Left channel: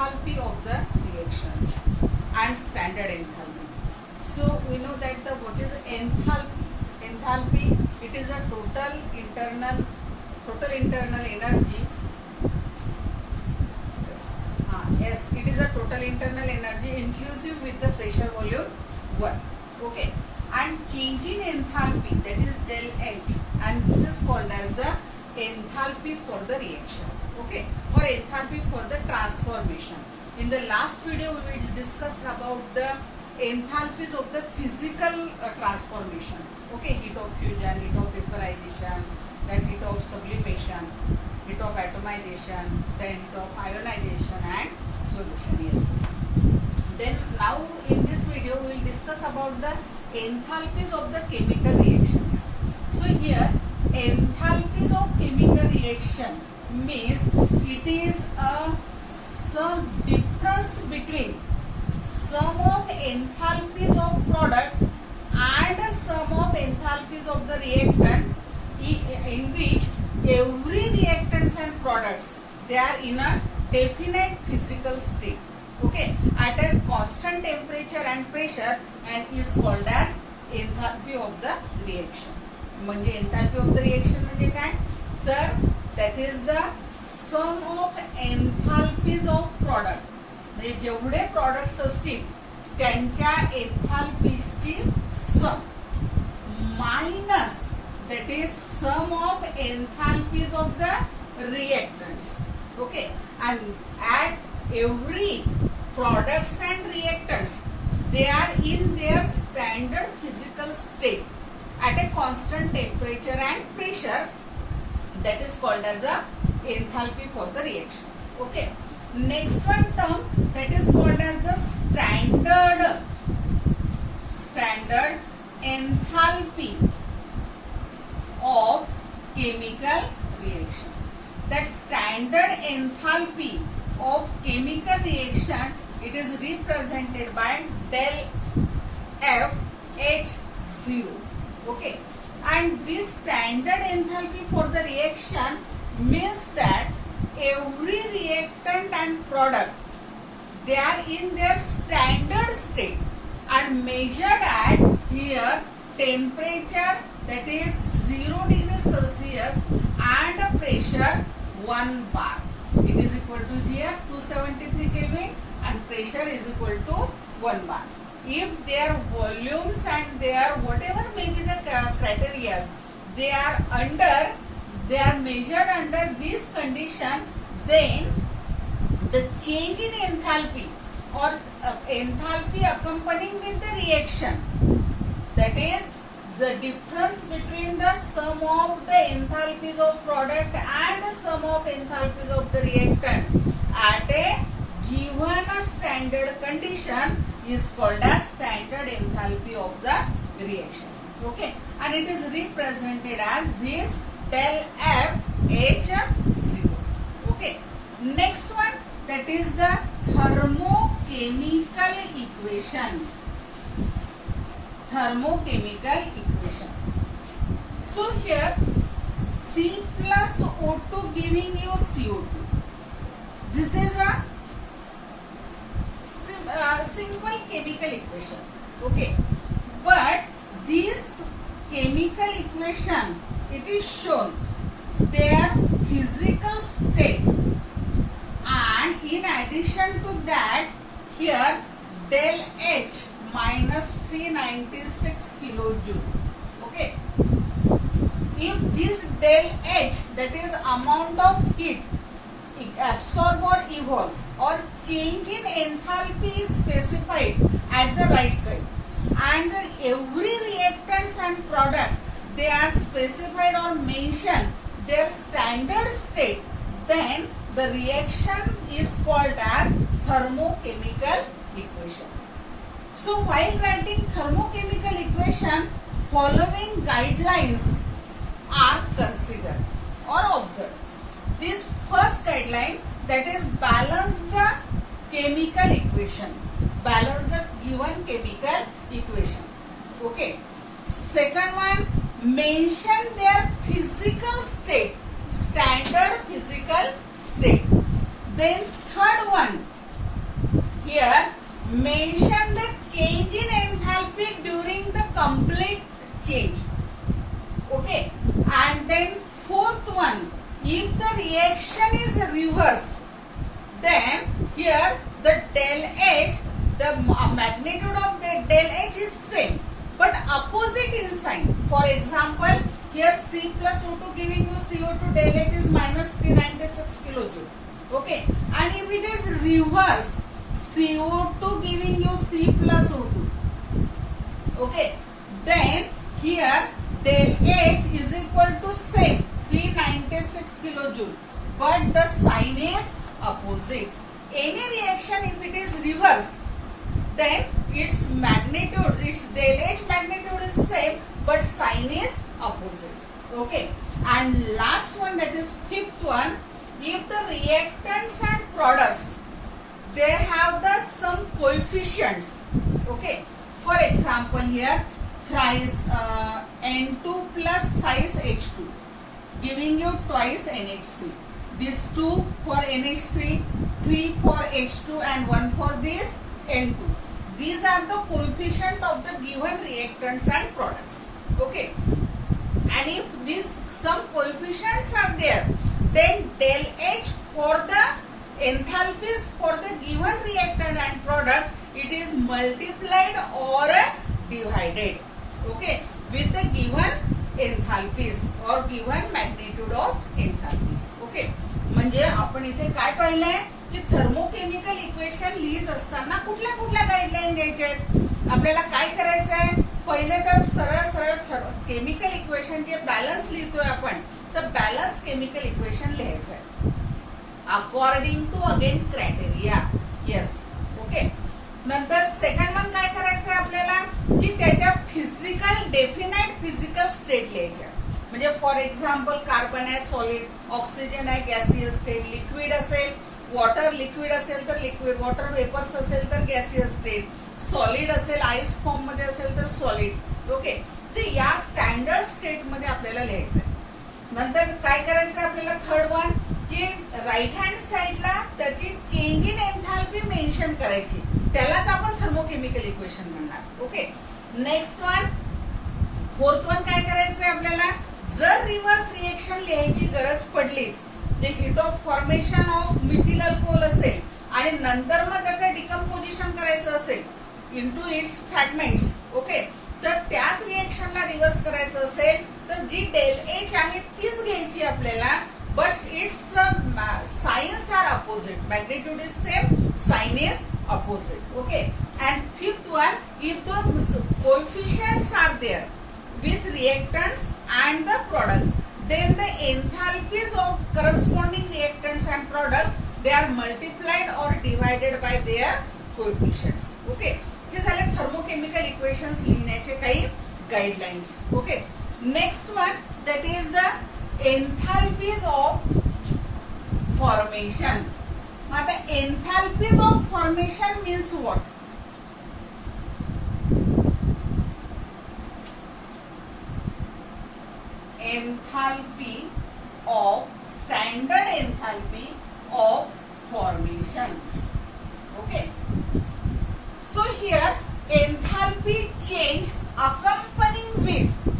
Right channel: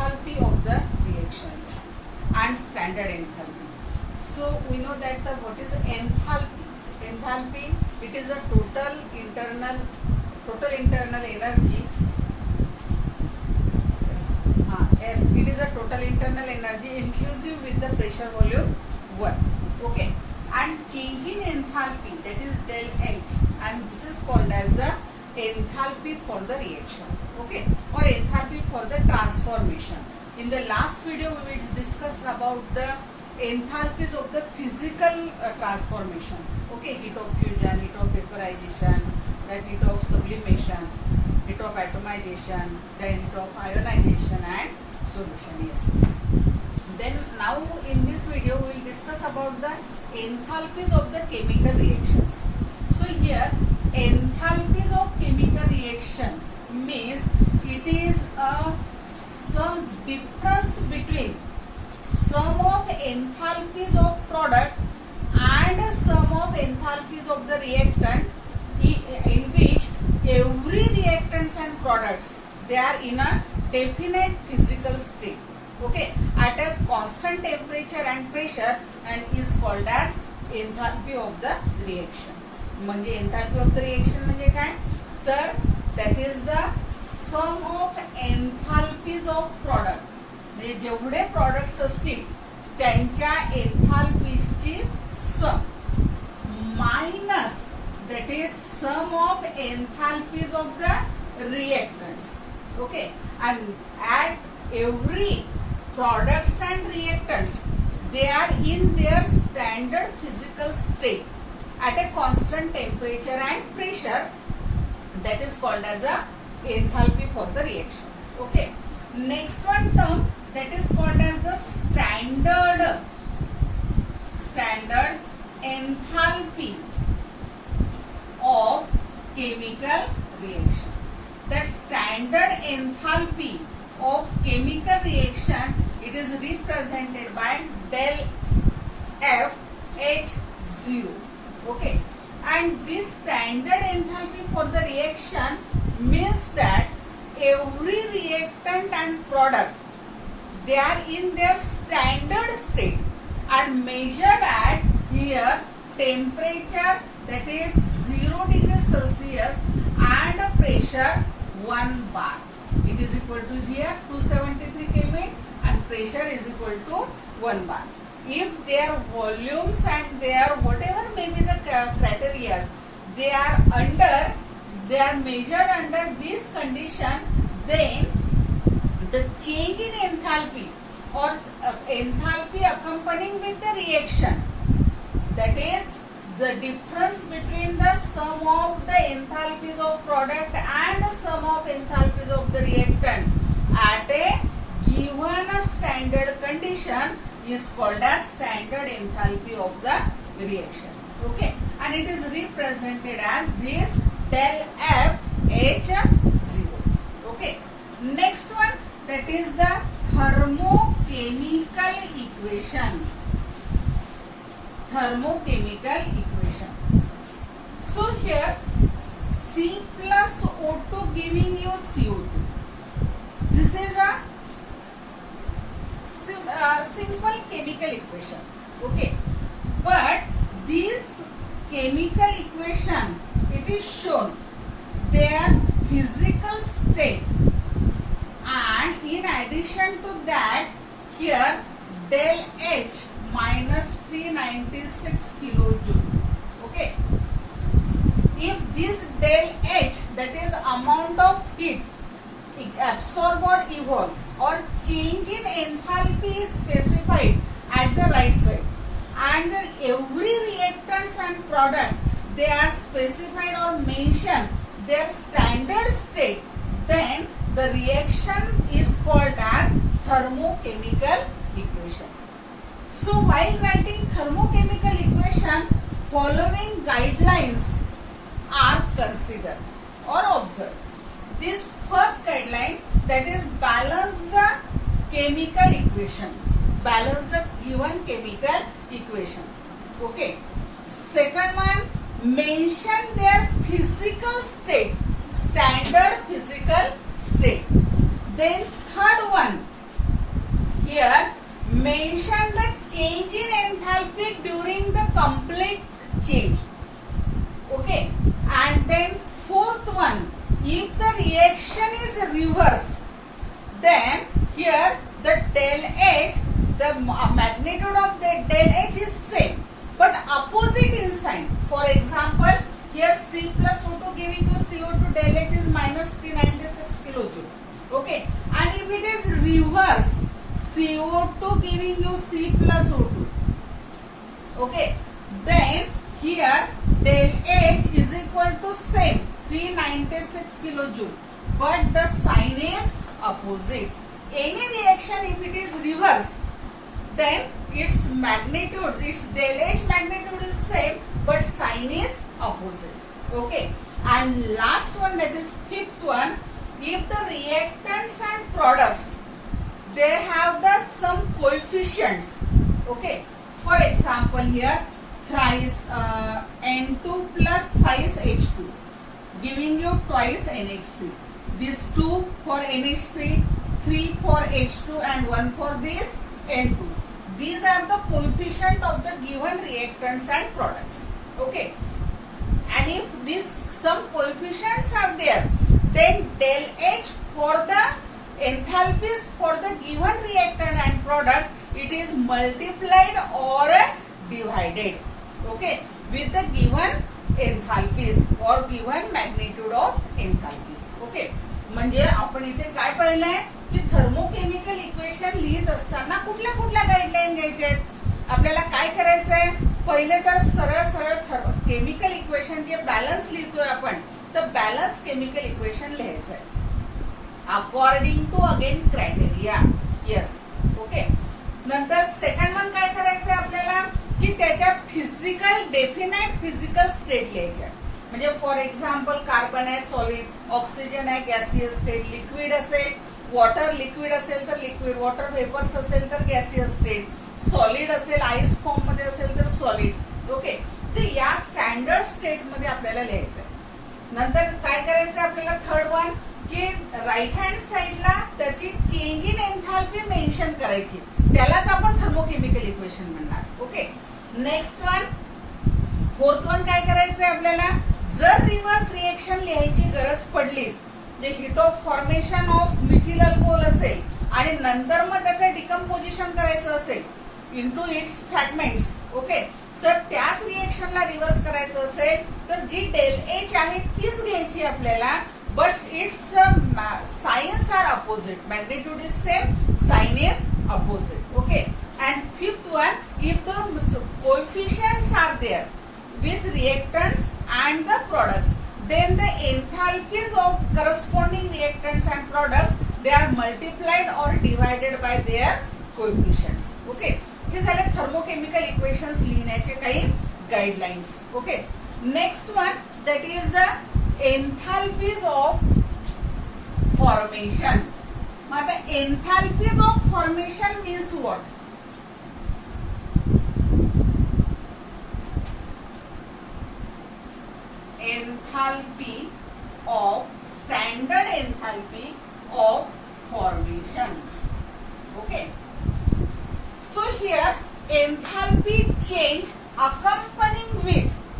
enthalpy of the reactions and standard enthalpy. So we know that what is enthalpy? Enthalpy, it is a total internal energy. Yes, it is a total internal energy inclusive with the pressure volume 1. Okay, and change in enthalpy, that is del H, and this is called as the enthalpy for the reaction. Okay, or enthalpy for the transformation. In the last video we discussed about the enthalpies of the physical transformation. Okay, heat of fusion, heat of vaporization, then heat of sublimation, heat of atomization, then heat of ionization and solution. Yes. Then now in this video we will discuss about the enthalpies of the chemical reactions. So here enthalpies of chemical reaction means it is some difference between sum of enthalpies of product and sum of enthalpies of the reactant, in which every reactants and products, they are in a definite physical state, okay, at a constant temperature and pressure, and is called as enthalpy of the reaction. म्हणजे enthalpy of the reaction म्हणजे काय, तर that is the sum of enthalpies of product. म्हणजे जेवढे products असतील त्यांच्या एन्थाल्पीजची सम minus that is sum of enthalpies of the reactants. Okay, and at every products and reactants, they are in their standard physical state at a constant temperature and pressure, that is called as a enthalpy for the reaction. Okay, next one term, that is called as the standard enthalpy of chemical reaction. That standard enthalpy of chemical reaction, it is represented by del F H0. Okay, and this standard enthalpy for the reaction means that every reactant and product, they are in their standard state and measured at here temperature, that is 0 degrees Celsius, and pressure 1 bar. It is equal to here 273 Kelvin and pressure is equal to 1 bar. If their volumes and their whatever may be the criteria, they are measured under this condition, then the change in enthalpy or enthalpy accompanying with the reaction, that is the difference between the sum of the enthalpies of product and the sum of enthalpies of the reactant at a given standard condition, is called as standard enthalpy of the reaction. Okay, and it is represented as this del F H0. Okay, next one, that is the thermochemical equation. So here C plus O2 giving you CO2. This is a simple chemical equation. Okay, but this chemical equation, it is shown their physical state, and in addition to that, here del H minus 396 kilojoule. Okay, if this del H, that is amount of heat absorb or evolve or change in enthalpy, is specified at the right side, and every reactants and product, they are specified or mentioned their standard state, then the reaction is called as thermochemical equation. So while writing thermochemical equation, following guidelines are considered or observed. This first guideline, that is balance the chemical equation, balance the given chemical equation. Okay. Second one, mention their physical state, standard physical state. Then third one, here mention the change in enthalpy during the complete change. Okay, and then fourth one, if the reaction is reversed, then here the del H, the magnitude of the del H is same but opposite in sign. For example, here C plus O2 giving you CO2, del H is minus 396 kilojoule. Okay, and if it is reverse, CO2 giving you C plus O2. Okay, then here del H is equal to same 396 kilojoule, but the sign is opposite. Any reaction if it is reverse, then its magnitude, its del H magnitude is same but sign is opposite. Okay, and last one, that is fifth one, if the reactants and products, they have the some coefficients. Okay, for example, here thrice N2 plus thrice H2 giving you twice NH3. These 2 for NH3, 3 for H2 and 1 for this N2. These are the coefficient of the given reactants and products. Okay, and if these some coefficients are there, then del H for the enthalpies for the given reactant and product, it is multiplied or divided. Okay, with the given enthalpies or given magnitude of enthalpies. Okay, म्हणजे आपण इथे काय पाहिलंय की thermochemical equation लिहित असताना कुठल्या कुठल्या गाईडलाईन घ्यायच्या आहेत. आपल्याला काय करायचंय, पहिले तर सरळ सरळ केमिकल इक्वेशन जे बॅलन्स लिहितोय आपण, तर बॅलन्स केमिकल इक्वेशन लिहायचंय according to again criteria. Yes, okay. नंतर सेकंड वन काय करायचंय आपल्याला की त्याच्या फिजिकल डेफिनाइट फिजिकल स्टेट लिहायच्या. म्हणजे फॉर एक्झाम्पल कार्बन आहे सॉलिड, ऑक्सिजन आहे गॅसियस स्टेट, लिक्विड असेल वॉटर, लिक्विड असेल तर लिक्विड, वॉटर वेपर्स असेल तर गॅसियस स्टेट, सॉलिड असेल आईस फॉर्म मध्ये असेल तर सॉलिड. ओके, तर या स्टँडर्ड स्टेट मध्ये आपल्याला लिहायचंय. नंतर काय करायचंय आपल्याला थर्ड वन की राईट हँड साइडला त्याची चेंज इन एन्थॅल्पी मेन्शन करायची, त्यालाच आपण थर्मोकेमिकल इक्वेशन म्हणणार. Okay, next one fourth one काय करायचंय आपल्याला, जर रिव्हर्स रिएक्शन लिहायची गरज पडलीच, जे heat of formation of methyl alcohol असेल आणि नंतर मग त्याचं डिकम्पोजिशन करायचं असेल इनटू इट्स फ्रॅगमेंट्स. ओके, तर त्याच रिएक्शनला रिव्हर्स करायचं असेल तर जी डेल एच आहे तीच घ्यायची आपल्याला, but it's signs are opposite, magnitude is same, sign is opposite. Okay, and fifth one, if the coefficients are there with reactants and the products, then the enthalpies of corresponding reactants and products, they are multiplied or divided by their coefficients. Okay, हे झाले thermochemical equations लिहिण्याचे काही guidelines. Okay, next one that is the enthalpies of formation. मग आता enthalpies of formation means what? Enthalpy of standard enthalpy of formation. Okay, so here enthalpy change accompanying with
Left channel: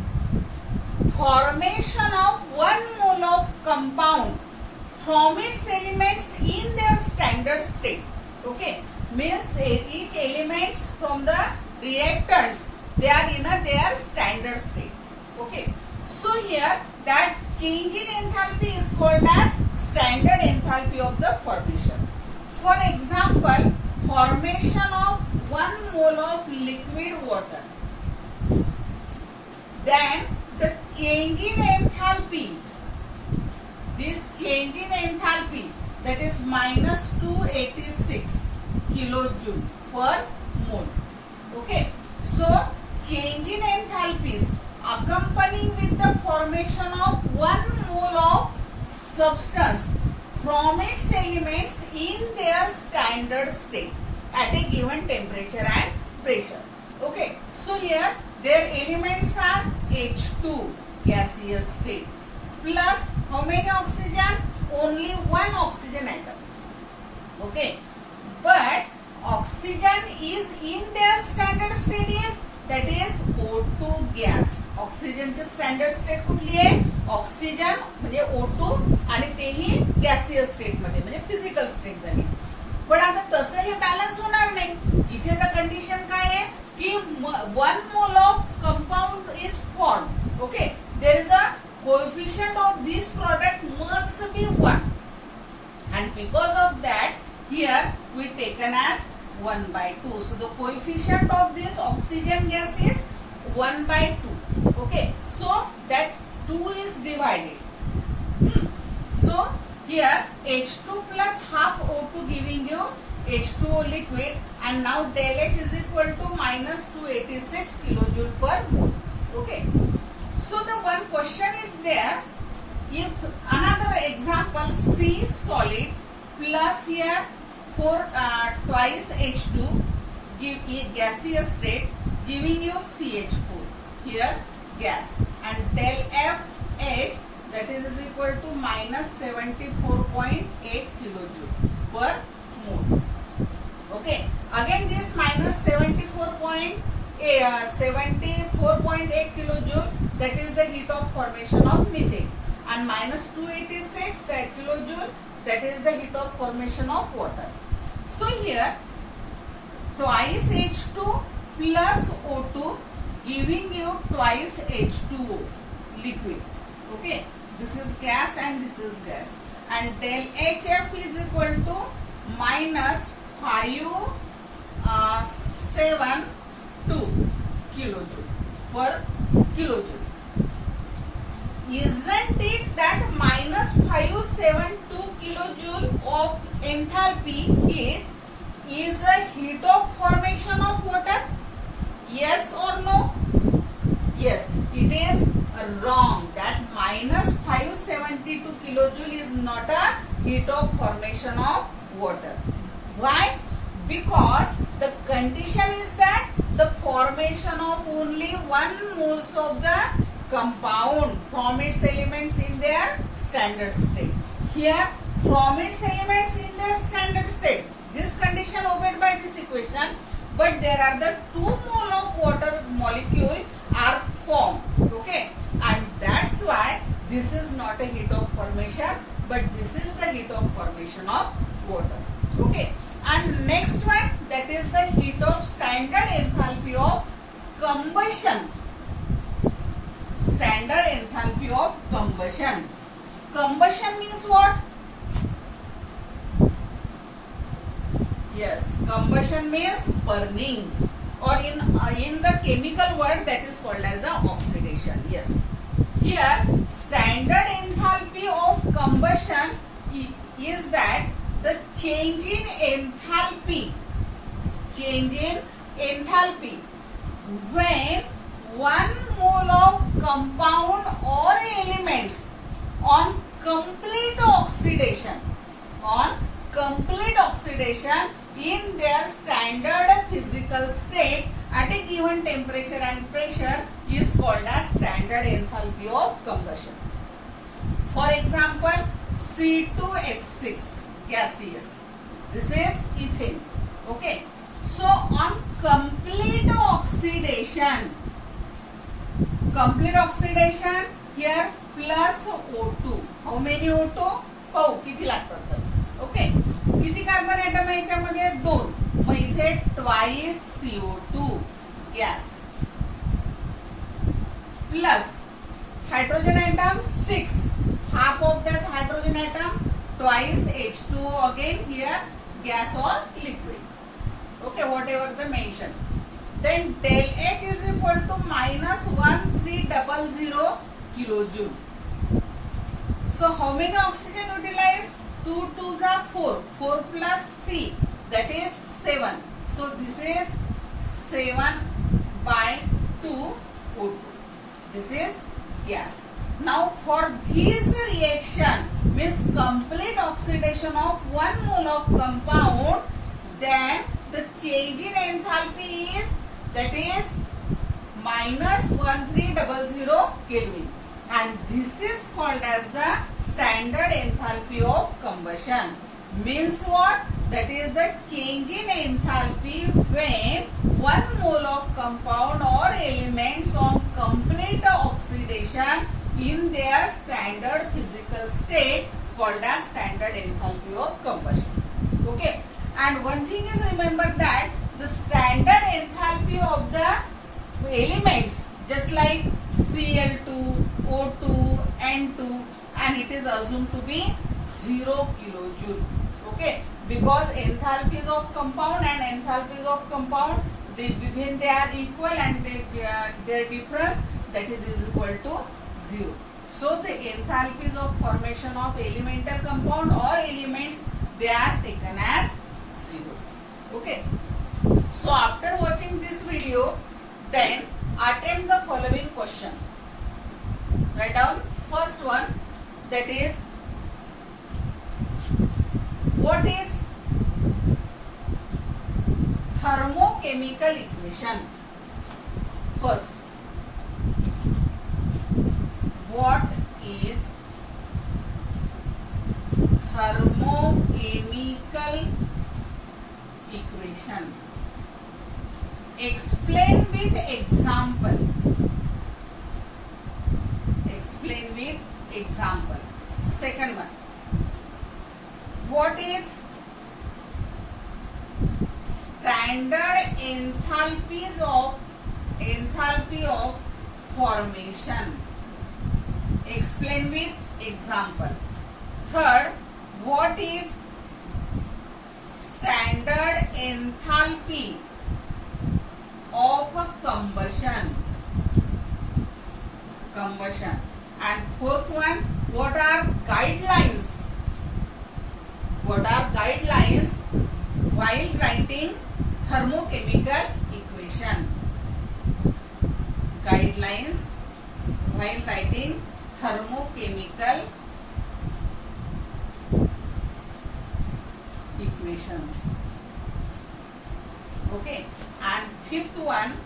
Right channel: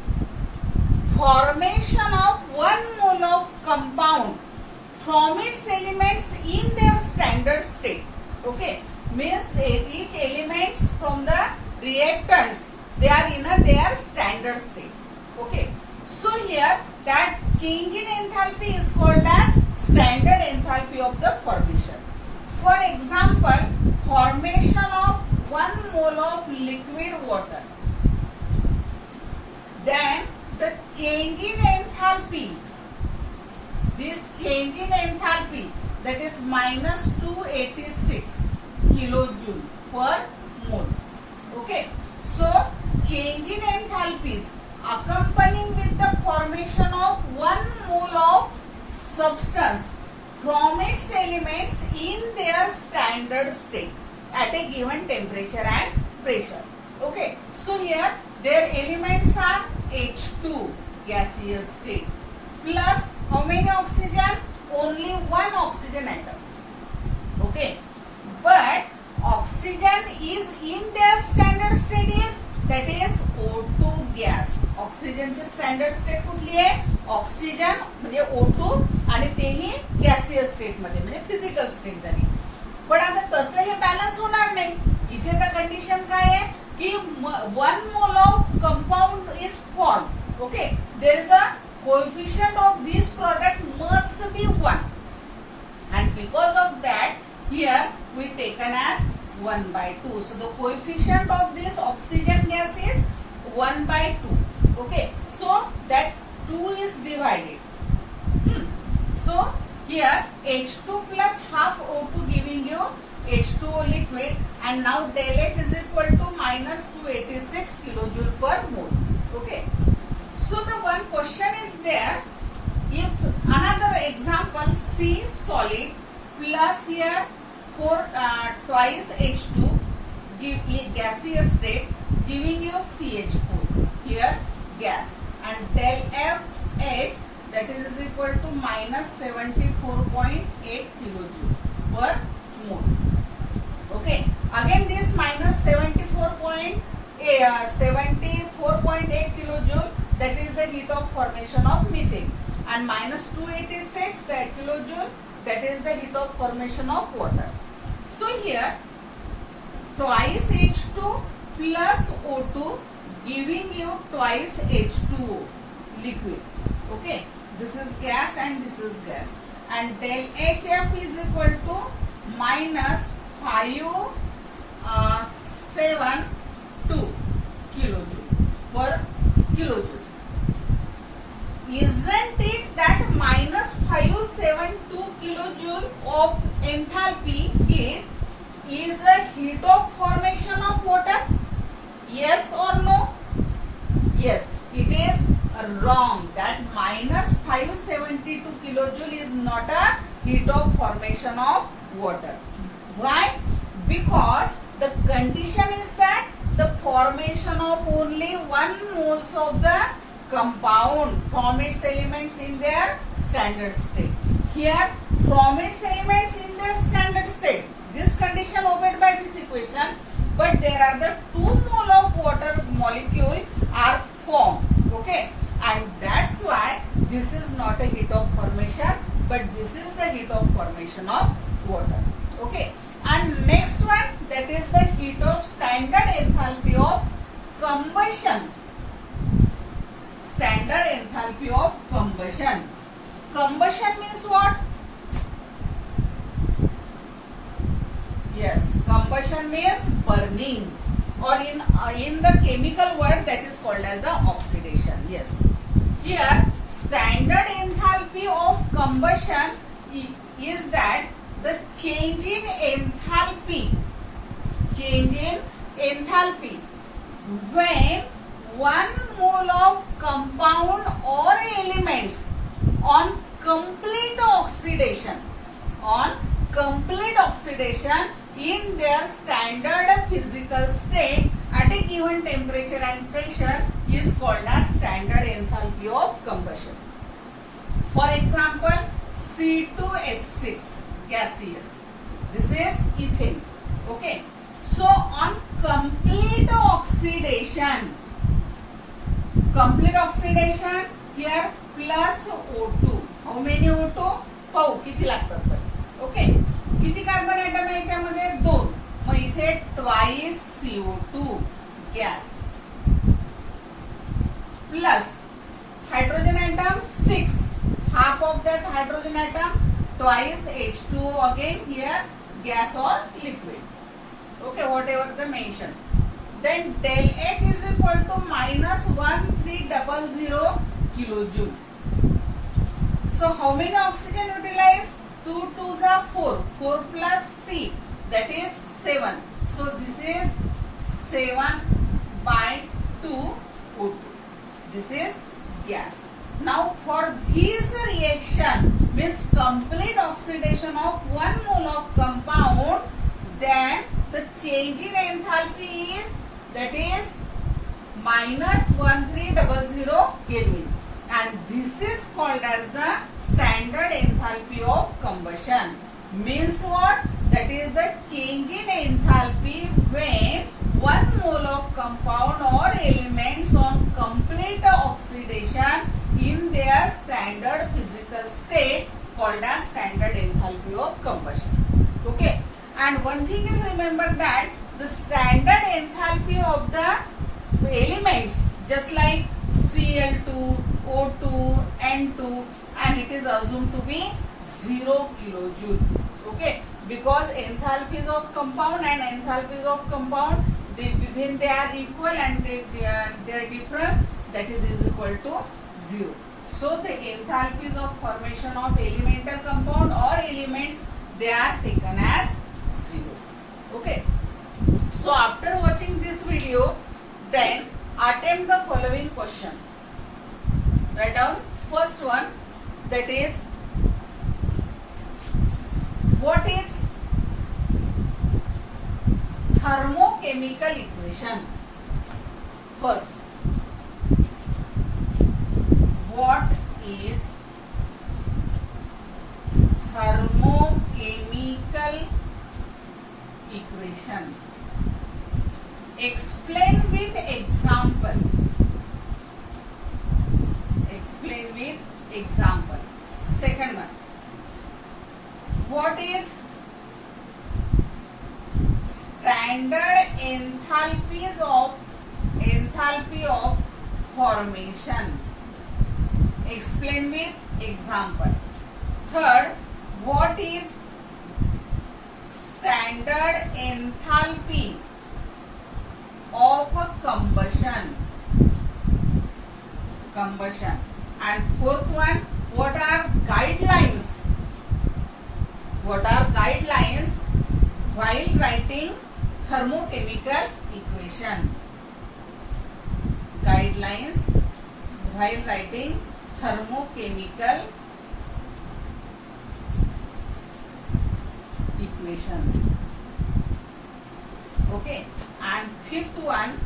formation of 1 mole of compound from its elements in their standard state. Okay, means each elements from the reactants, they are in their standard state. Okay, so here that change in enthalpy is called as standard enthalpy of the formation. For example, formation of 1 mole of liquid water, then the change in enthalpy, this change in enthalpy, that is minus 286 kilojoule per mole. Okay, so change in enthalpies accompanying with the formation of 1 mole of substance from its elements in their standard state at a given temperature and pressure. Okay, so here their elements are H2 gaseous state plus how many oxygen? Only one oxygen atom. Okay, but oxygen is in their standard state is that is O2 gas. ऑक्सिजनचे standard state कुठली आहे? Oxygen म्हणजे O2 आणि तेही gaseous state मध्ये म्हणजे physical state झाली. पण आता तसं हे बॅलन्स होणार नाही. इथे तर कंडिशन काय आहे की 1 mole of compound is form. Okay, there is a coefficient of this product must be 1 and because of that here we taken as 1/2. So the coefficient of this oxygen gas is 1/2. Okay, so that 2 is divided. So here H2 plus half O2 giving you H2O liquid, and now del H is equal to minus 286 kilojoule per mole. Okay, so the one question is there. If another example, C solid plus here twice H2 give gaseous state giving you CH4 here gas, and del FH that is equal to minus 74.8 kilojoule per mole. Okay, again this minus 74.8 kilojoule, that is the heat of formation of methane, and minus 286 that kilojoule, that is the heat of formation of water. So here twice H2 plus O2 giving you twice H2O liquid. Okay, this is gas and this is gas, and del HF is equal to minus 572 kilojoule per kilojoule. Isn't it that minus 572 kilojoule of enthalpy heat is a heat of formation of water? Yes or no? Yes, it is wrong. That minus 572 kilojoule is not a heat of formation of water. Why? Because the condition is that the formation of only 1 moles of the compound from its elements in their standard state. Here from its elements in their standard state, this condition obeyed by this equation, but there are the 2 mole of water molecule are formed. Okay, and that's why this is not a heat of formation, but this is the heat of formation of water. Okay, and next one, that is the heat of standard enthalpy of combustion. Standard enthalpy of combustion. Combustion means what? Yes, combustion means burning, or in the chemical word that is called as the oxidation. Yes, here standard enthalpy of combustion is that the change in enthalpy when 1 mole of compound or elements on complete oxidation in their standard physical state at a given temperature and pressure is called as standard enthalpy of combustion. For example, C2H6 gaseous, this is ethane. Okay, so on complete oxidation here plus O2. How many O2? पाहू किती लागतात तर. Okay, किती carbon atom आहे याच्यामध्ये? 2. मग इथे twice CO2 gas plus hydrogen atom 6, half of this hydrogen atom, twice H2O again here gas or liquid. Okay, whatever the mention. Then del H is equal to minus 1300 kilojoule. So how many oxygen utilized? 2 2s are 4. 4 plus 3, that is 7. So this is 7/2 O2. This is gas. Now for this reaction means complete oxidation of 1 mole of compound, then the change in enthalpy is that is minus 1300 Kelvin, and this is called as the standard enthalpy of combustion. Means what? That is the change in enthalpy when 1 mole of compound or elements on complete oxidation in their standard physical state called as standard enthalpy of combustion. Okay. And one thing is, remember that the standard enthalpy of the elements just like Cl2, O2, N2, and it is assumed to be 0 kilojoule. Okay. Because enthalpies of compound and enthalpies of compound, when they are equal and their difference, that is equal to 0. So the enthalpies of formation of elemental compound or elements, they are taken as 0. Okay. So after watching this video, then attempt the following question. Write down first one, that is, what is thermochemical equation? First, what is thermochemical equation? Explain with example. Explain with example. Second one, what is standard enthalpy of formation? Explain with example. Third, what is standard enthalpy of a combustion? And fourth one, what are guidelines? What are guidelines while writing thermochemical equation? Guidelines while writing thermochemical equations. Okay. And fifth one,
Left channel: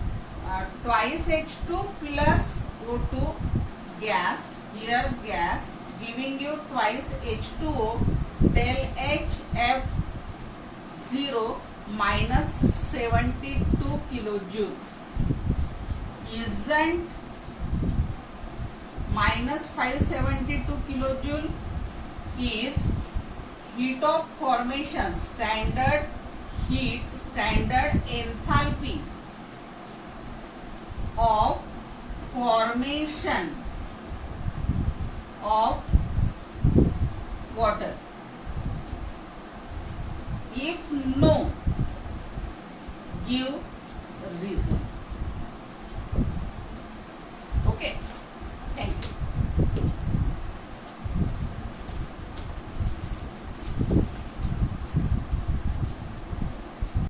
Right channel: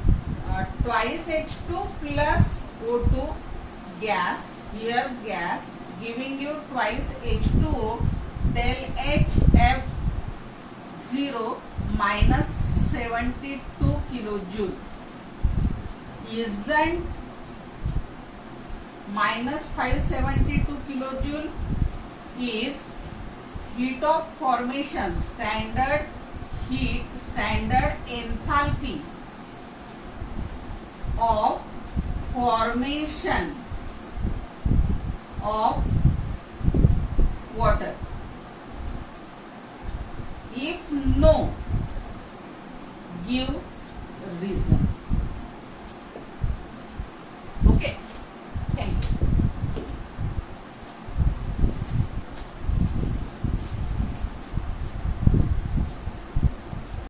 twice H2 plus O2 gas, here gas, giving you twice H2O, del HF0 minus 72 kilojoule. Isn't minus 572 kilojoule is heat of formation, standard enthalpy of formation of water? If no, give